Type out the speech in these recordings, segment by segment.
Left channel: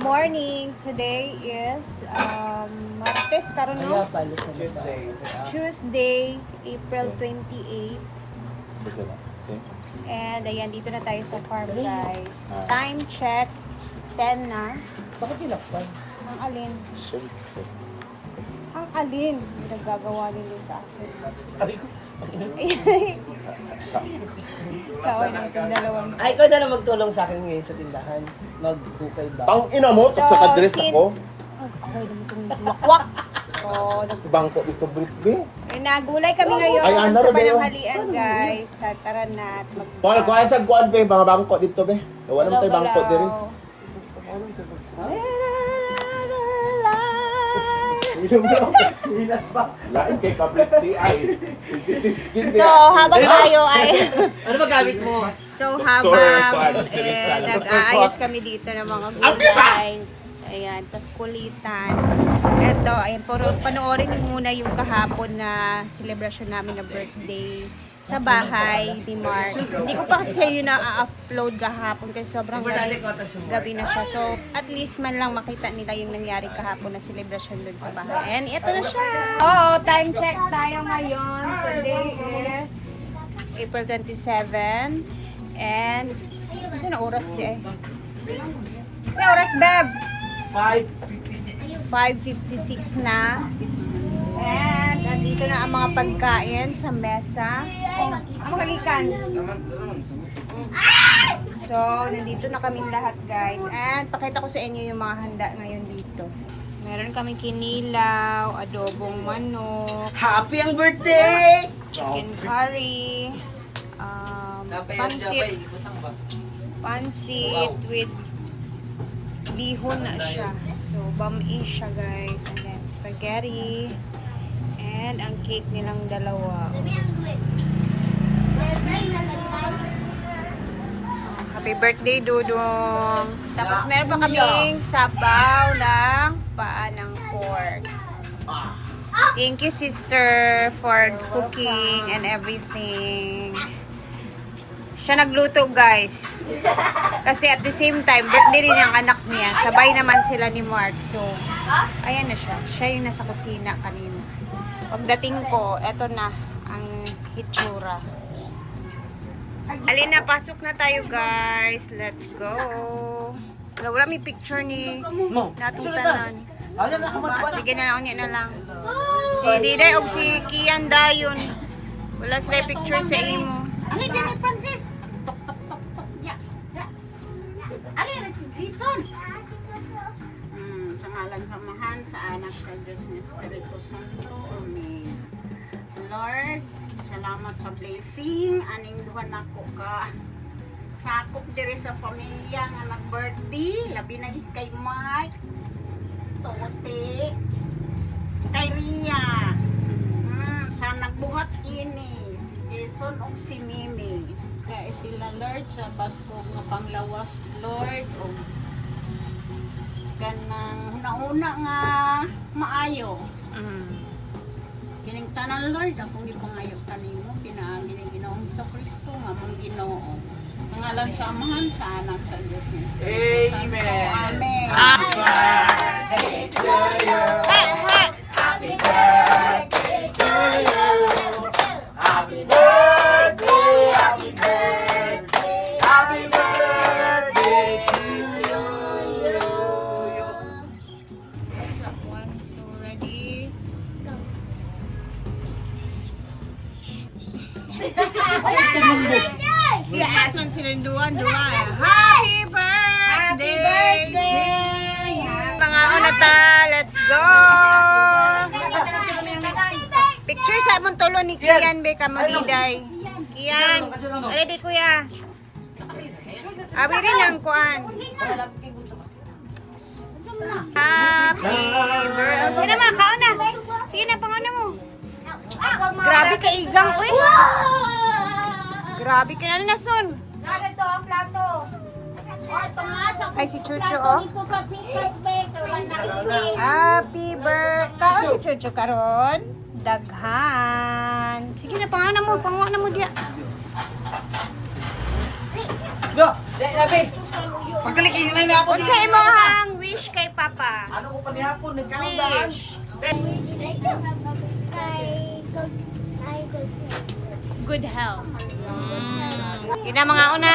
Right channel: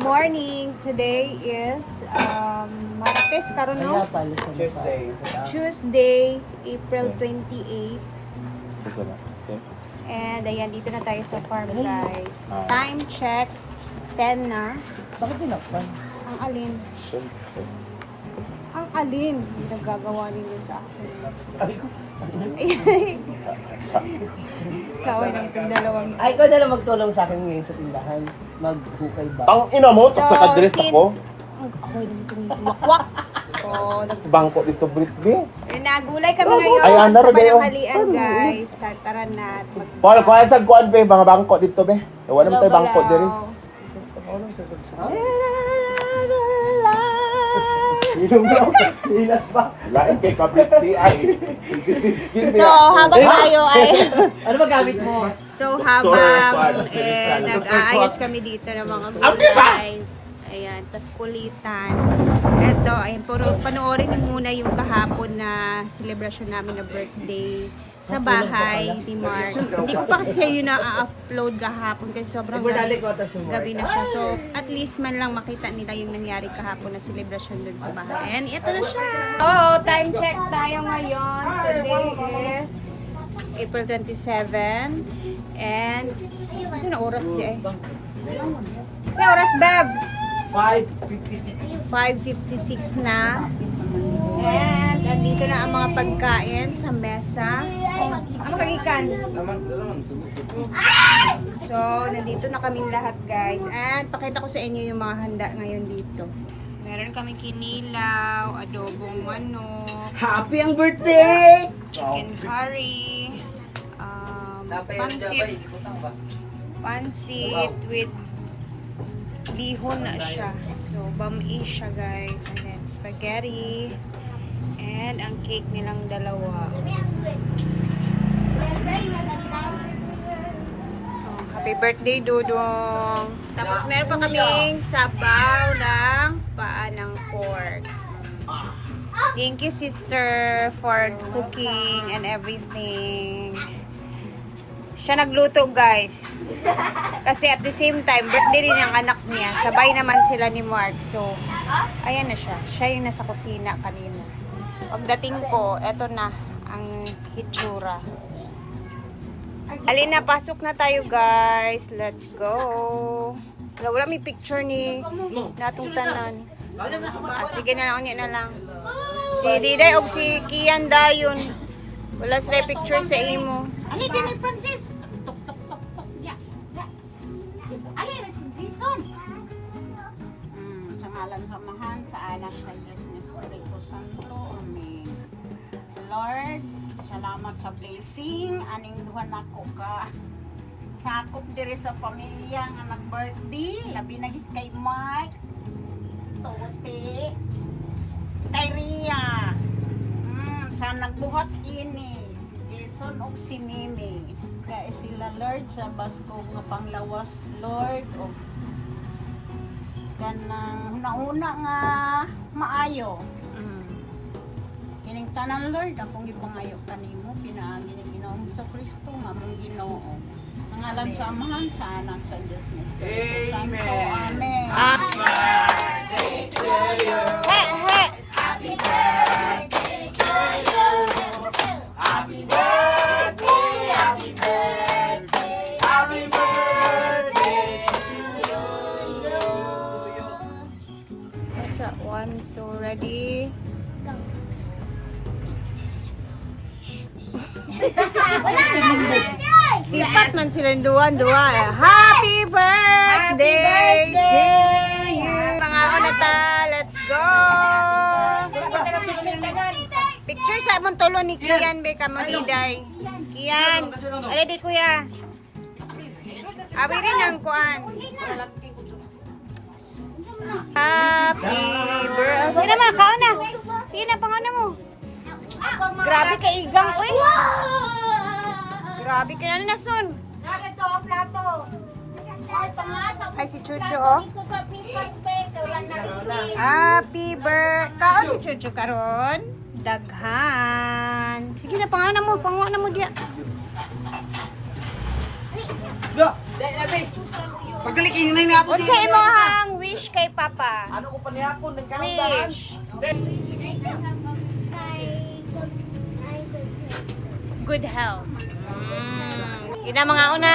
morning. Today is Martes, karon no? Tuesday, April 28. And ayan, dito na tayo sa farm, guys. Time check, 10 na. Bakit tinakpan? Ang alin? Ang alin? Yung nagagawa ninyo sa akin. Ay ko. Kaway naman itong dalawang. Ay, ikaw na lang magtulong sa akin ngayon sa tindahan. Maghukay ba? Ang ina mo, So, sa kadres since... ako. Kaway naman itong wakwak. So, Bangko dito, Britney. nagulay kami ngayon Ay, ano, sa Rodeo? pananghalian, guys. Sa tara na at Paul, kuha sa kuan be, mga bangko dito be. Wala naman tayo bangko diri. Ilas ba? Lain kay ka Britney ay. So, habang tayo ay... Ano ba gamit mo? So, habang Sorry, nag-aayos kami dito ng mga gulay. Ayan, tas kulitan. Eto, ayan, panoorin niyo muna yung kahapon na celebration namin na birthday sa bahay ni Mark. Hindi ko pa kasi kayo na-upload kahapon kasi sobrang gabi na siya. So, at least man lang makita nila yung nangyari kahapon na celebration dun sa bahay. Ayan, ito na siya! Oh, time check tayo ngayon. Today is April 27. And, ito na oras di eh. May oras, Beb! 5:56. 5:56 na. And, andito na ang mga pagkain sa mesa. Ang magagikan. So, nandito na kaming lahat, guys. And, pakita ko sa inyo yung mga handa ngayon dito. Meron kaming kinilaw, adobong manok, Happy ang birthday! chicken curry, pansit with bihon na siya. So, bami siya, guys. And then, spaghetti. And, ang cake nilang dalawa. Oh, happy birthday, Dudong! Tapos, meron pa kaming sabaw ng paa ng pork. Thank you, sister, for cooking and everything. Siya nagluto, guys. Kasi at the same time, birthday rin yung anak niya. Sabay naman sila ni Mark. So, ayan na siya. Siya yung nasa kusina kanina. Pagdating ko, eto na ang hitsura. Alina, pasok na tayo, guys. Let's go. Wala may picture ni natong tanan. Sige na lang, na lang. Si Diday o si Kian dayon. Wala sila picture sa imo. Ali, Jenny Francis! Ali, si Jason! Sa ngalan samahan sa anak sa Diyos ni Espiritu Santo. Amen. Lord, salamat sa blessing. Aning duhan ako ka. Sakop dire sa pamilya nga nag-birthday. Labi na gid kay Mark. Tote. Kay Ria. Sa nagbuhat ini. Jason o si Mimi. Kaya sila, Lord, sa baskog nga panglawas, Lord. O kanang nauna nga maayo. Kining tanan, Lord, akong ipangayo kanimo, pinaangin ng Ginoong Kristo nga mong Ginoo. Pangalan sa Amahan, sa Anak, sa Diyos ni Espiritu Santo. Amen. Happy birthday to you. Happy birthday to you. Happy birthday, happy birthday, happy birthday to you. 1, 2, ready? Sipat man silang duwan. Happy birthday to you. Mga onata, let's go! Picture sa mong tulo ni Kian, be, kamaliday. Kian, ready kuya? Abi rin ang kuan. Happy birthday. Sige na ma, kaon na. Sige na, pangaon mo. Grabe ka igang, uy. Grabe ka na nason. Ay, si Chucho, oh. Happy birthday. Kaon si Chucho karon. Daghan. Sige na, pangaon mo. Pangaon mo diya. Da! Pagdalik, ingay na ako Unsa imong wish Papa. Ano ko pa nihapon? Nagkaundahan. Wish. Good health. Yun na mga una.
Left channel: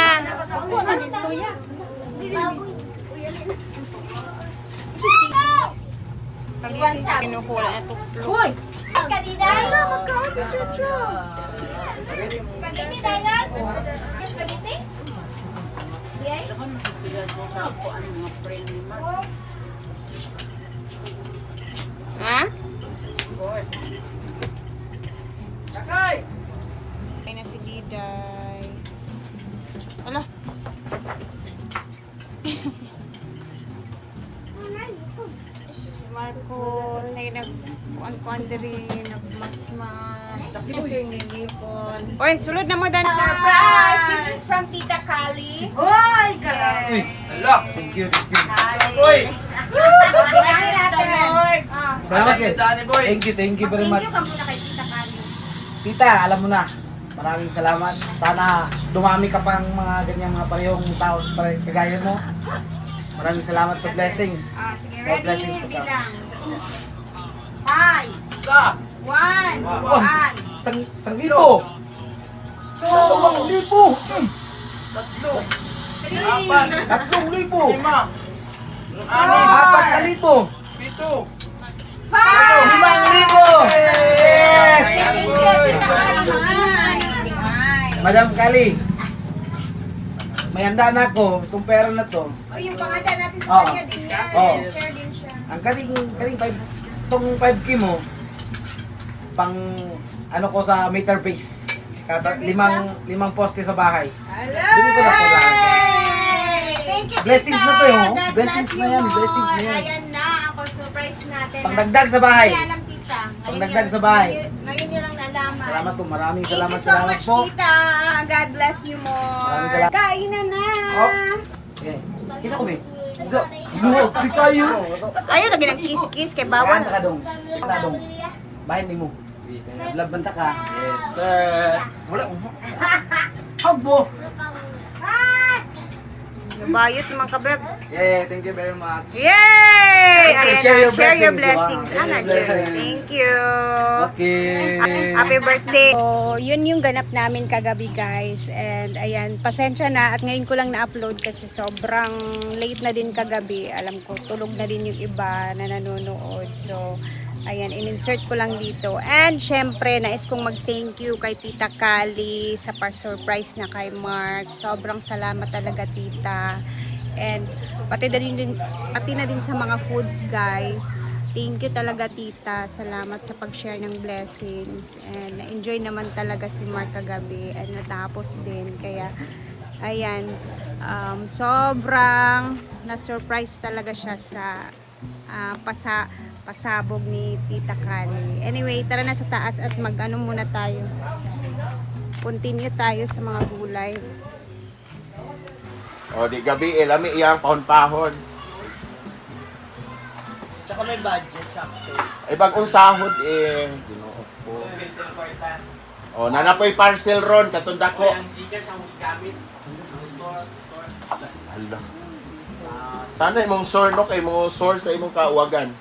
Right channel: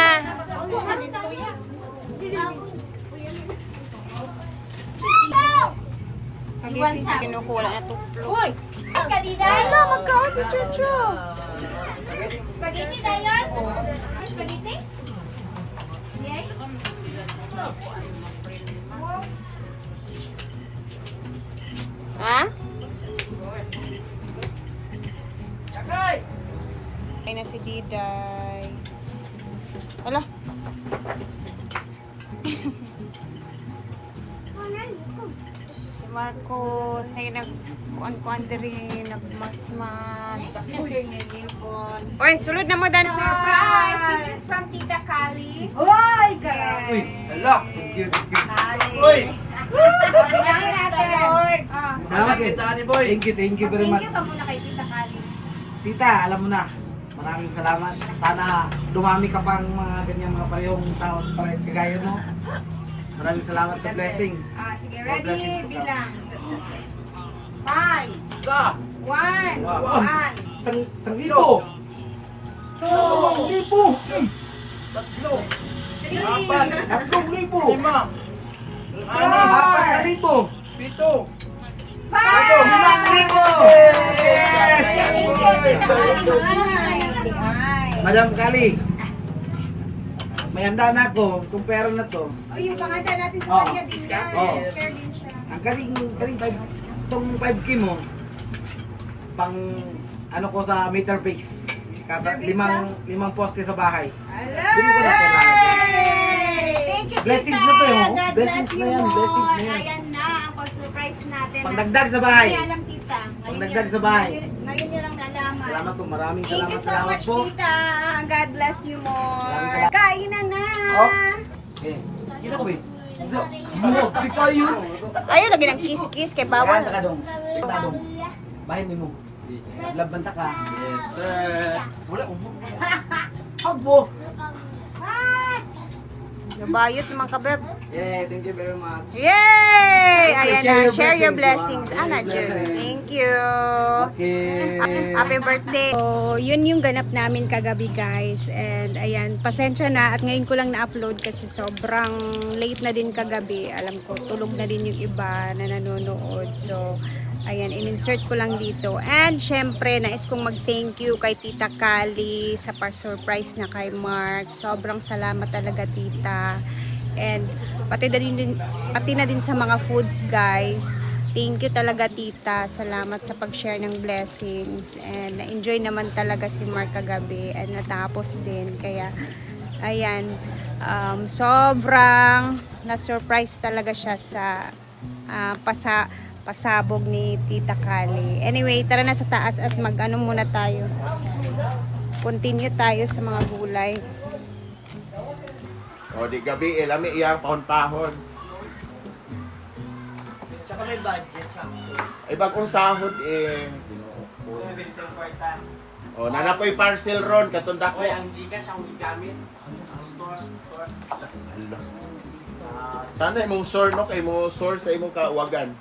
Kinukuha na tuklog. Uy! Wala, magkaon si Chucho. Spaghetti, Thailand? Spaghetti? Yay? Ha? Ay na si Diday. Ala. Si Marcos, nagkuan-kuan diri, nagmasmas. Oy, sulod na mo dan. Surprise! This is from Tita Kali. Oy, girl. Thank you. Uy! Tingnan natin. Salamat kay Tani Boy. Thank you very much. Thank you ka muna kay Tita Kali. Tita, alam mo na. Maraming salamat. Sana dumami ka pang mga ganyang mga parehong tao kagaya mo. Maraming salamat sa blessings. Sige, More blessings ready? to come. Bilang. 5, 1, Wow. 1, Sang libo. 2, Libo. 3, 3,000. Lima! 4,000. Pito! 5. 5,000. Yes! Thank you, Tita Kali. Madam Kali, may handa na ako. Itong pera na to. O, yung panganda natin sa Oo. kanya din yan. Oo. Share din siya. Ang kaling itong 5K mo, pang ano ko sa meter base. Kata, limang poste sa bahay. Doon ko na po lalagay. Thank you, Blessings Tita. na to, oh. God Blessings bless na you yan, more. blessings na yan. Ayan na, ako surprise natin. Pangdagdag sa bahay. Hindi alam, Tita. Ngayon Pangdagdag niya- sa bahay. Ngayon niya lang nalaman. Salamat po, maraming Thank you so salamat much, po. Tita. God bless you more. Maraming salamat. Kainan na. Oh. Okay. Kisa ko, babe. Buhok, di kayo. Ayaw lagi ng kiss-kiss kay bawal. Kanta ka dong. Kanta dong. Bahin ni mo. Love banta ka. Yes, sir. Wala ko. Abo. Nabayot naman ka, Beb. Yeah, thank you very much. Yay! Ayan Share na, your share your blessings, blessings. wow. Ana, Yes, Jer. sir. Thank you. Okay. Happy birthday. So, yun yung ganap namin kagabi, guys. And ayan, pasensya na at ngayon ko lang na-upload kasi sobrang late na din kagabi. Alam ko, tulog na din yung iba na nanonood. So, ayan, in-insert ko lang dito. And syempre, nais kong mag-thank you kay Tita Kali sa pa-surprise na kay Mark. Sobrang salamat talaga, Tita. And pati na din sa mga foods, guys. Thank you talaga, Tita. Salamat sa pag-share ng blessings. And na-enjoy naman talaga si Mark kagabi. And natapos din. Kaya, ayan, sobrang na-surprise talaga siya sa pasabog ni Tita Kali. Anyway, tara na sa taas at mag-ano muna tayo. Continue tayo sa mga gulay. O, di gabi, lami iyang pahon-pahon. Tsaka may budget, sakto. Ay, bagong sahod Ginoo ko. O, nanapoy parcel ron, katunda ko. Gcash ang gamit. Hala. Sana imong sore, no? Kay imong sore sa imong kauwagan.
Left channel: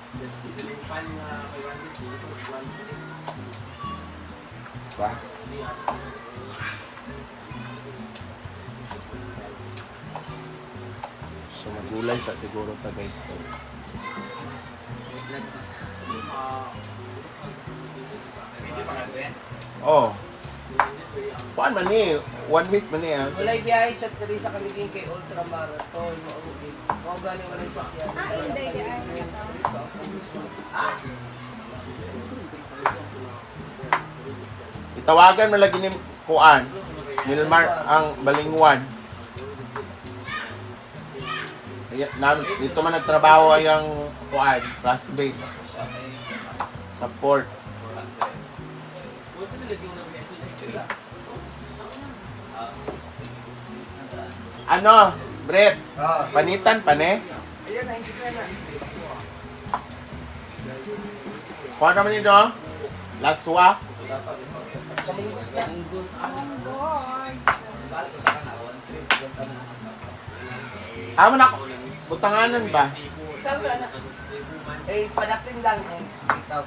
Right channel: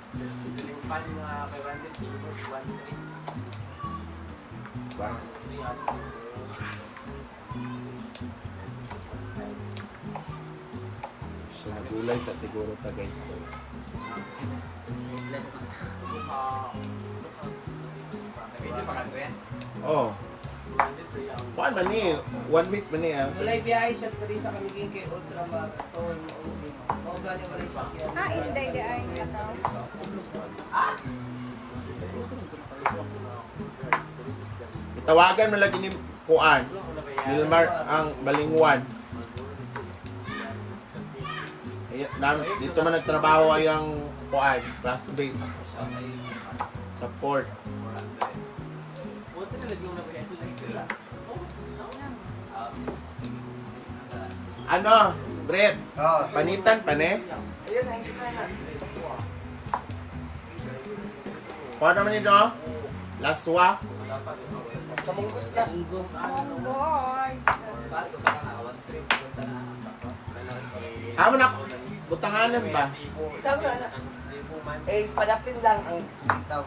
Ba? So, magulay sa siguro ta, guys. Oh. Kuan man ni, 1 week man ni ah. Walay biyahe sa tabi sa Kaliging kay Ultramarathon. Mga galing walay sa Itawagan mo lagi ni Kuan. Nilmar ang balingwan. Dito man nagtrabaho ang Kuan, classmate. Sa port. Ano, Brett? Panitan pa ne? Kuha naman nito? Laswa? Amo na, butanganan ba? Eh, padapin lang eh. Ikaw.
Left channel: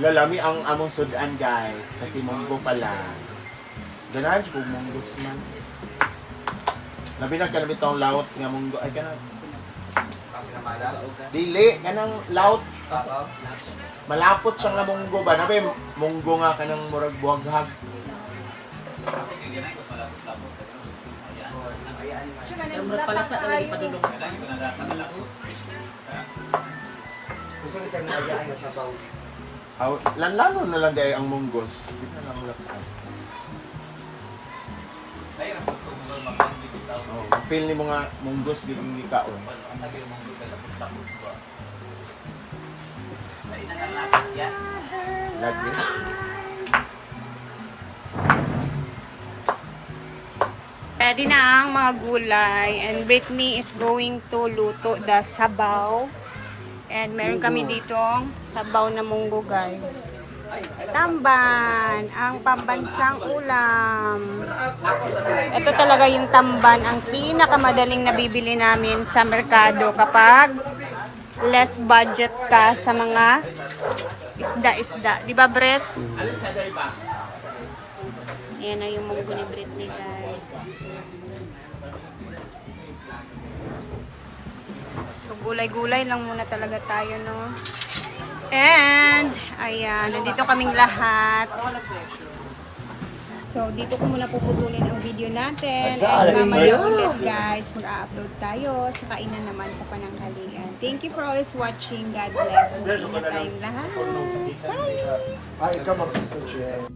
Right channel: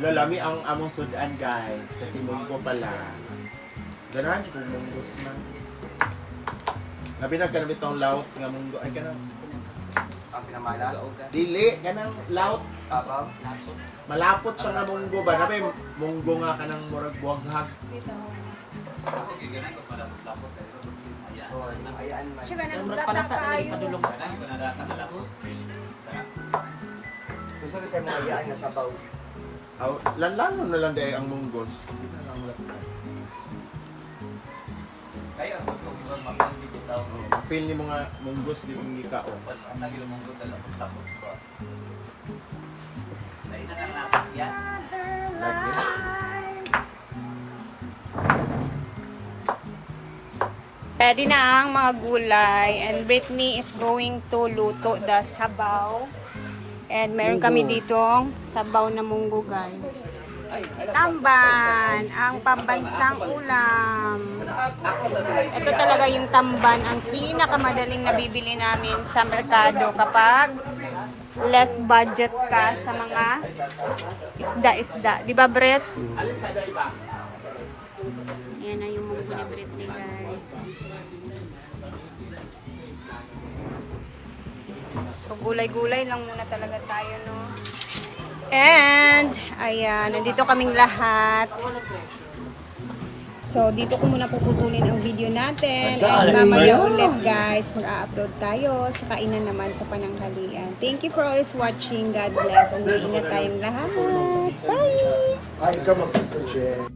Lalami ang among sudan guys. Kasi munggo pala. Ganahan siya kung munggos man. Labi na kanang itong laut nga munggo. Ay kanang. Dili, kanang laut. Malapot siya nga munggo ba? Nabi, munggo nga kanang murag buhaghag. Murag palata na lagi padulong. Gusto rin siya nilagyan na sabaw. Aw, lanlano na lang dahil ang munggos. Hindi na lang lakay. Oh, feel ni mga munggos di mong gikaon. Lagi. Ready na ang mga gulay and Brittany is going to luto the sabaw. And meron kami ditong sabaw na munggo guys. Tamban, ang pambansang ulam. Ito talaga yung tamban, ang pinakamadaling nabibili namin sa merkado kapag less budget ka sa mga isda-isda. Di ba, Brett? Ayan na yung munggo ni Brittany guys. So, gulay-gulay lang muna talaga tayo, no? And, ayan, nandito kaming lahat. So, dito ko muna puputulin ang video natin. And mamaya ulit, guys, mag-upload tayo sa kainan naman sa pananghalian. Thank you for always watching. God bless. And ingat tayong lahat. Bye! Ay, ikaw mag-share.